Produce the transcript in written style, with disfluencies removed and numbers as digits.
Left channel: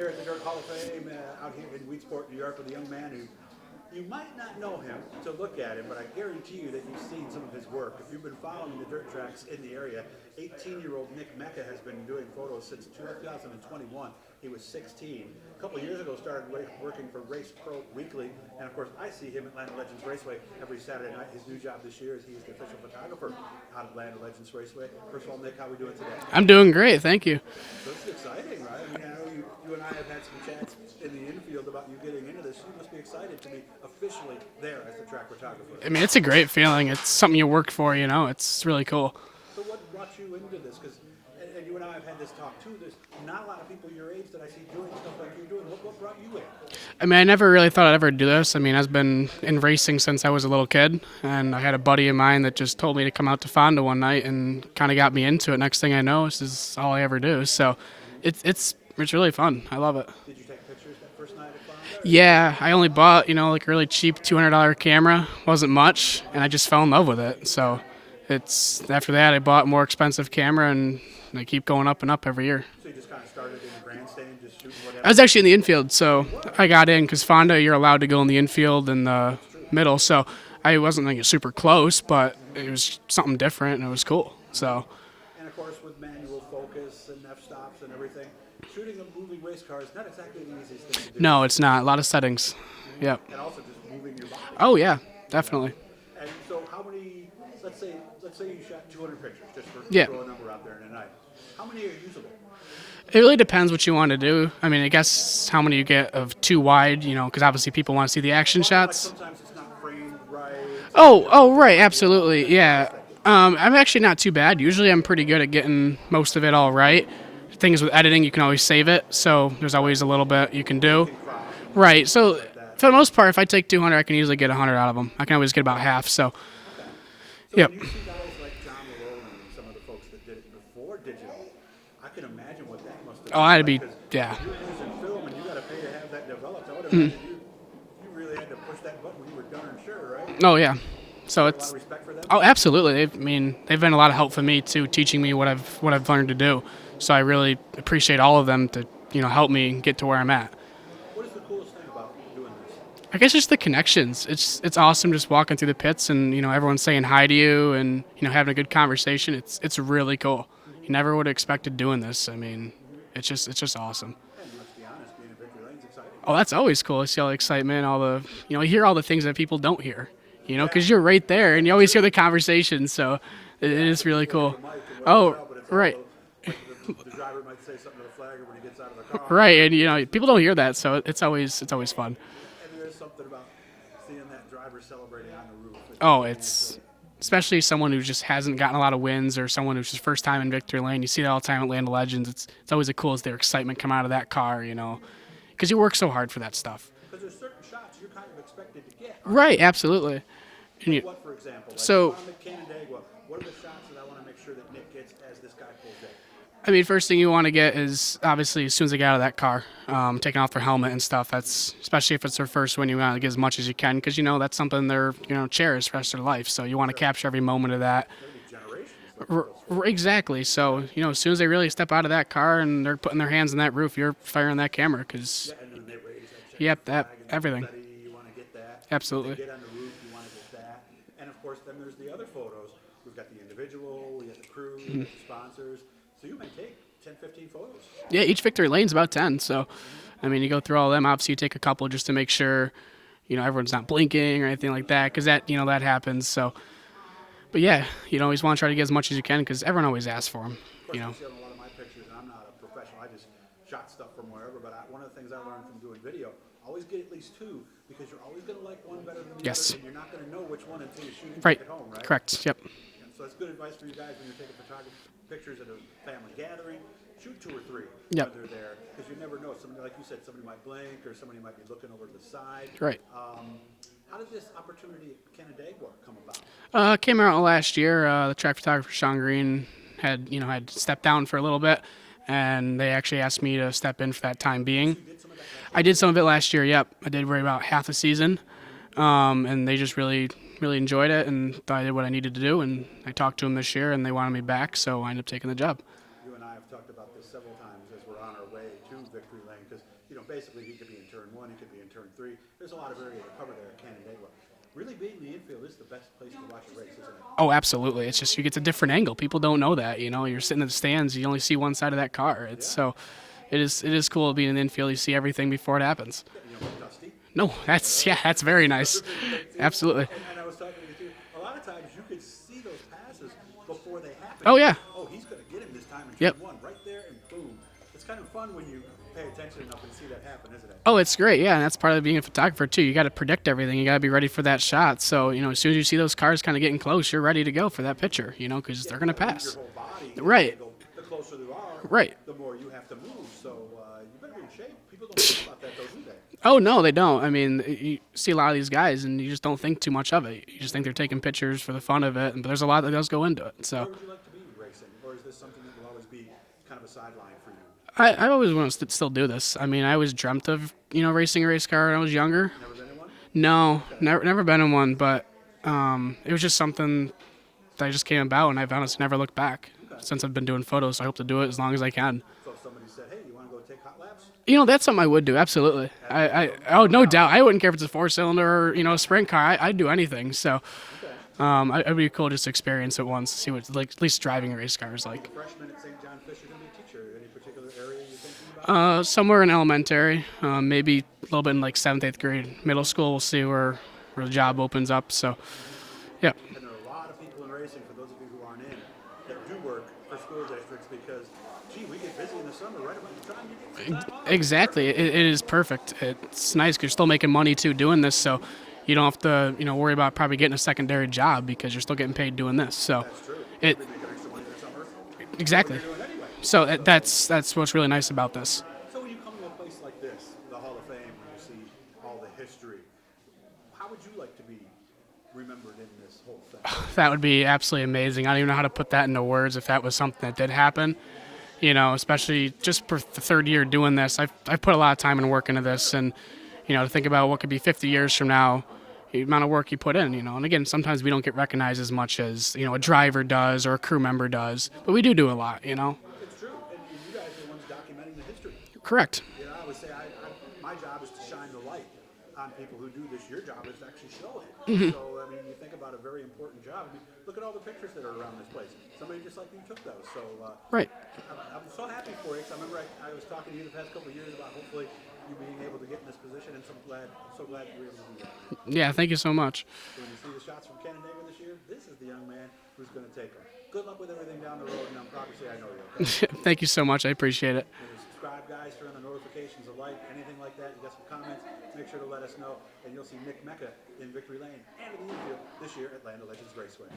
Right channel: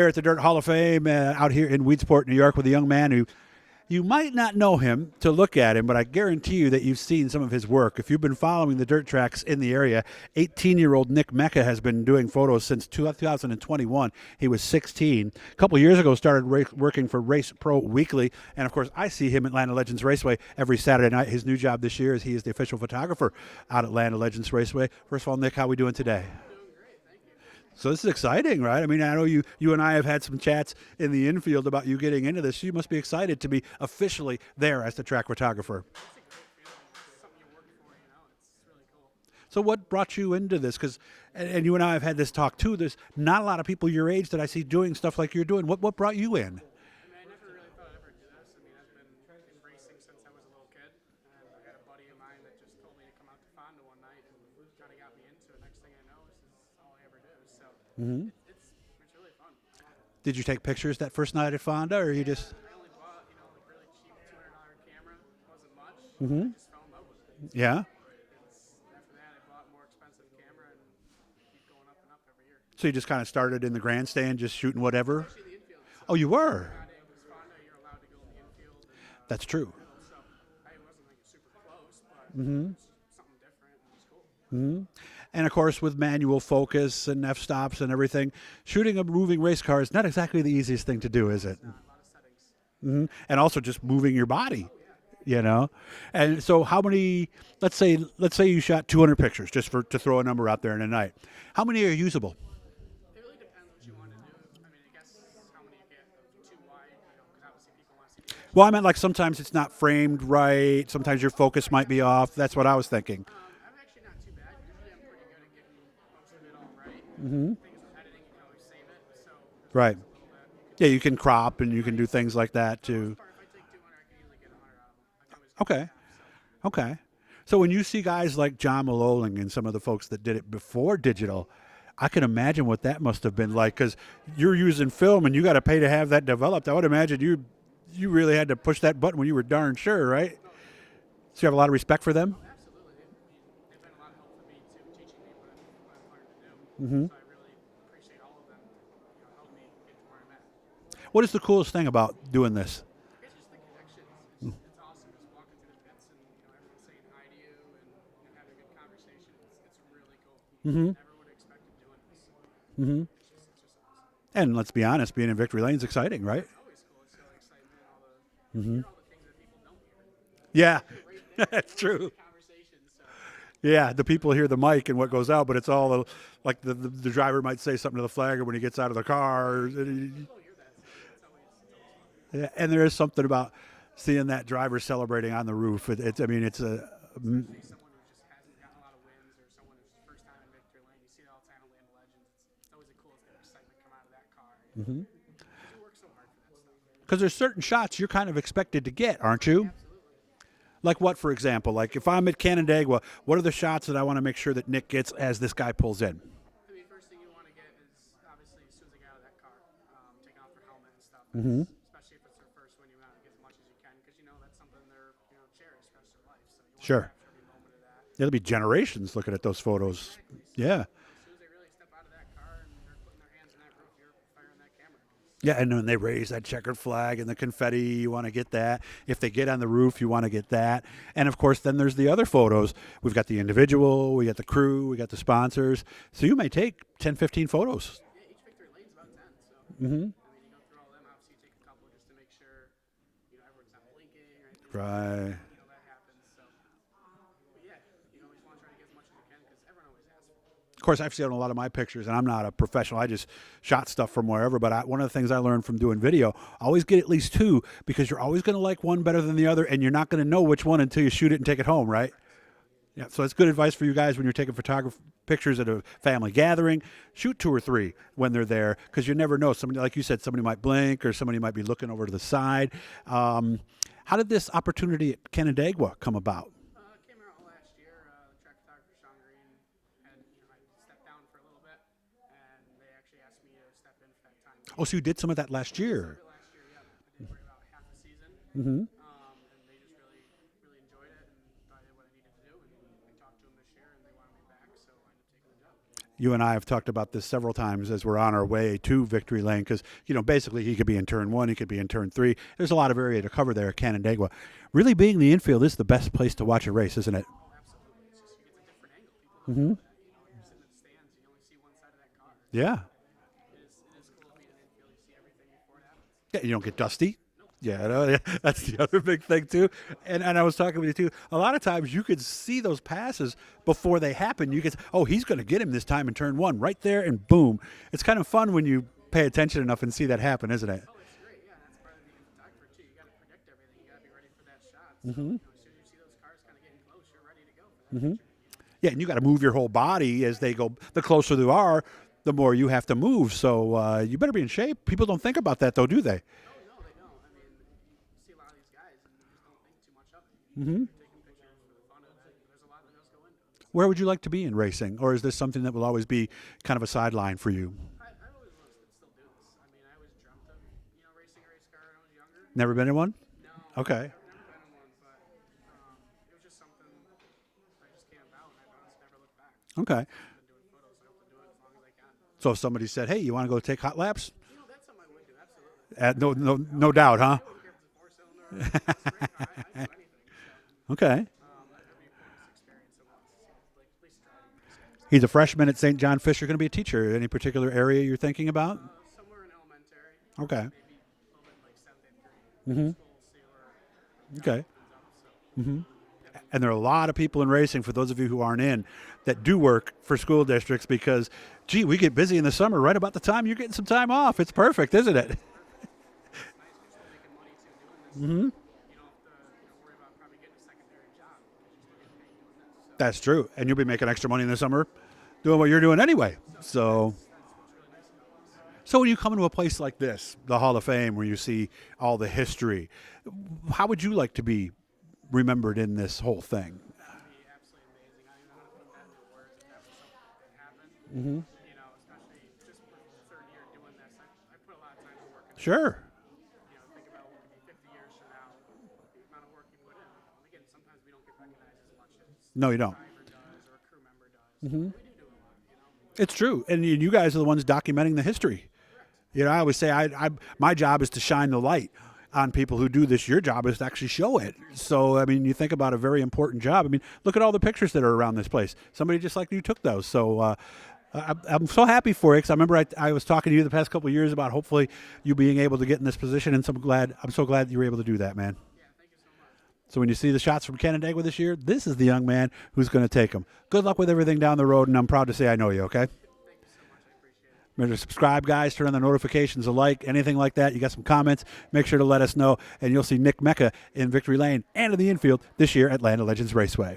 here at the Dirt Hall of Fame out here in Weedsport, New York, with a young man who you might not know him to look at him, but I guarantee you that you've seen some of his work. If you've been following the dirt tracks in the area, 18-year-old Nick Meka has been doing photos since 2021. He was 16. A couple years ago, started working for Race Pro Weekly, and of course, I see him at Land of Legends Raceway every Saturday night. His new job this year is he is the official photographer out at Land of Legends Raceway. First of all, Nick, how are we doing today? I'm doing great, thank you. So this is exciting, right? I mean, I know you and I have had some chats in the infield about you getting into this. You must be excited to be officially there as the track photographer. I mean, it's a great feeling. It's something you work for, you know. It's really cool. So what brought you into this? Because, and you and I have had this talk too, there's not a lot of people your age that I see doing stuff like you're doing. What brought you in? I mean, I never really thought I'd ever do this. I mean, I've been in racing since I was a little kid, and I had a buddy of mine that just told me to come out to Fonda one night and kind of got me into it. Next thing I know, this is all I ever do. So it's really fun. I love it. Did you take pictures that first night at Fonda? Yeah, I only bought, like a really cheap $200 camera. Wasn't much, and I just fell in love with it. So it's after that I bought a more expensive camera, and I keep going up and up every year. So you just kind of started in the grandstand, just shooting whatever? I was actually in the infield, so you were? I got in because Fonda, you're allowed to go in the infield and the That's true. middle. So I wasn't like super close, but it was something different, and it was cool. So. And, of course, with manual focus and f-stops and everything, shooting a moving race car is not exactly the easiest thing to do. No, it's not. A lot of settings. Yeah. And also just moving your body. Oh, yeah, you definitely. know? And so how many, let's say you shot 200 pictures, just to throw a number out there in a night. How many are usable? It really depends what you want to do. I mean, I guess how many you get of too wide, because obviously people want to see the action shots. I mean, like sometimes it's not framed right. Sometimes your focus right, might absolutely. Be off. That's yeah. what I was thinking. I'm actually not too bad. Usually I'm pretty good at getting most of it all right. Things with editing, you can always save it, so there's always a little bit you can do. You can crop and you can do things like that. For the most part, if I take 200, I can easily get 100 out of them. I can always get about half. So. Okay. So when you see guys like John Maloling and some of the folks that did it before digital, I can imagine what that must have been like, because you're using film and you got to pay to have that developed. I would imagine you really had to push that button when you were darn sure, right? Oh, yeah. So you have a lot of respect for them? Oh, absolutely. They've been a lot of help for me, too, teaching me what I've learned to do. So I really appreciate all of them to, help me get to where I'm at. What is the coolest thing about doing this? I guess just the connections. It's awesome just walking through the pits and everyone's saying hi to you and having a good conversation. It's really cool. You never would have expected doing this. I mean, it's just awesome. And let's be honest, being in victory lane is exciting. Right? Oh, that's always cool. I see all the excitement, all the you hear all the things that people don't hear. Because you're right there and you always hear the conversation. So it's really cool. People hear the mic and what goes out, but it's all like the driver might say something to the flagger when he gets out of the car. Right, and people don't hear that, so it's always fun. Yeah, and there is something about seeing that driver celebrating on the roof. Especially someone who just hasn't gotten a lot of wins or someone who's just first time in victory lane. You see that all the time at Land of Legends. It's always the coolest, their excitement come out of that car, because you work so hard for that stuff. Because there's certain shots you're kind of expected to get, aren't you? Right, absolutely. Like what, for example? Like if I'm at Canandaigua, what are the shots that I want to make sure that Nick gets as this guy pulls in? I mean, first thing you want to get is obviously as soon as they get out of that car, taking off their helmet and stuff. That's especially if it's their first win, you want to get as much as you can because that's something they're cherish the rest of their life. So you want to capture every moment of that. It'll be generations looking at those photos. Exactly. So as soon as they really step out of that car and they're putting their hands on that roof, you're firing that camera because and when they raise that checker flag and the confetti, you want to get that. Absolutely. If they get on the roof, you want to get that. And of course, then there's the other photos. We've got the individual, we got the crew, we got the sponsors. So you may take 10, 15 photos. Yeah, each victory lane's about 10. So, I mean, you go through all of them. Obviously, you take a couple just to make sure, everyone's not blinking or anything like that because that happens. So, but yeah, you always want to try to get as much as you can because everyone always asks for them. Of course, I've seen a lot of my pictures, and I'm not a professional. I just shot stuff from wherever. But one of the things I learned from doing video, always get at least 2 because you're always going to like one better than the other, and you're not going to know which one until you shoot it and take it home, right? Correct. Yep. Yeah. So it's good advice for you guys when you're taking pictures at a family gathering. Shoot 2 or 3 when they're there because you never know. Somebody, like you said, somebody might blink or somebody might be looking over to the side. Right. How did this opportunity at Canandaigua come about? Came out last year. The track photographer Sean Green had stepped down for a little bit, and they actually asked me to step in for that time being. So you did some of that last year? I did some of it last year. Yep, I did worry about half a season, and they just really enjoyed it, and I did what I needed to do, and I talked to them this year, and they wanted me back, so I ended up taking the job. You and I have talked about this several times as we're on our way to victory lane because, basically he could be in turn 1, he could be in turn 3. There's a lot of area to cover there at Canandaigua. Really being the infield is the best place to watch a race, isn't it? Oh, absolutely. It's just you get a different angle. People don't know that. You're sitting in the stands, you only see one side of that car. Yeah. So it is cool being in the infield. You see everything before it happens. Yeah, you don't get dusty. No, that's very nice. That's a big thing, too. Absolutely. And I was talking with you, too. A lot of times you could see those passes before they happen. Oh, You yeah. he's going to get him this time in turn Yep. 1, right there, and boom. It's kind of fun when you pay attention enough and see that happen, isn't it? Oh, it's great. Yeah, and that's part of being a photographer too. You got to predict everything. You got to be ready for that shot. So, as soon as you see those cars kind of getting close, you're ready to go for that picture, because Yeah, they're you going got to to pass. move your whole body as Right. they go. The closer they are, Right. the more you have to move. So you better be in shape. People don't think about that, though, do they? Oh, no, they don't. I mean, you see a lot of these guys and you just don't think too much of it. You just think they're taking pictures for the fun of it, but there's a lot that does go into it. So Where would you like to be in racing? Or is this something that will always be kind of a sideline for you? I always want to still do this. I mean, I always dreamt of, racing a race car when I was younger. Never been in one? No, Okay. never been in one, but it was just something that just came about, and I've honestly never looked back. Okay. Since I've been doing photos, so I hope to do it as long as I can. So if somebody said, hey, you want to go take hot laps? That's something I would do, absolutely. No no doubt, doubt. huh? I wouldn't care if it's a 4-cylinder or, a sprint car. I'd do anything. So Okay. it'd be cool just to experience it once, see what at least driving a race car is like. He's a freshman at St. John Fisher, going to be a teacher. Any particular area you're thinking about? Somewhere in elementary, Okay. maybe a little bit in like 7th, 8th grade. Middle school, we'll see where the job Okay. opens up. So, yeah. And there are a lot of people in racing, for those of you who aren't in, that do work for school districts because, gee, we get busy in the summer right about the time you're getting some time off. Exactly. It's perfect, isn't it? It is perfect. It's nice because you're still making money, too, doing this. So you don't have to, worry about probably getting a secondary job because you're still getting paid doing this. So That's true. And you'll be making extra money in the summer doing what Exactly. you're doing anyway. So that's what's really nice about this. So when you come into a place like this, the Hall of Fame, where you see all the history, how would you like to be remembered in this whole thing? That would be absolutely amazing. I don't even know how to put that into words if that was something that did happen. Especially just for the third year doing this. I've put a lot of time and work into this. Sure. And, to think about what could be 50 years from now, the amount of work you put in, And again, sometimes we don't get recognized as much as, No, we a don't. driver does or a crew member does. But we do a lot, It's true. And you guys are the ones documenting the history. Correct. I always say my job is to shine the light on people who do this. Your job is to actually show it. So, you think about a very important job. Look at all the pictures that are around this place. Somebody just like you took those. So, Right. I'm so happy for you because I remember I was talking to you the past couple of years about hopefully you being able to get in this position, and I'm so glad you were able to do that, man. Yeah, thank you so much. So when you see the shots from Canandaigua this year, this is the young man who's going to take them. Good luck with everything down the road, and I'm proud to say I know you, okay? Thank you so much. I appreciate it. Remember to subscribe, guys. Turn on the notifications, anything like that. You got some comments, make sure to let us know, and you'll see Nick Meka in Victory Lane and in the infield this year at Land of Legends Raceway.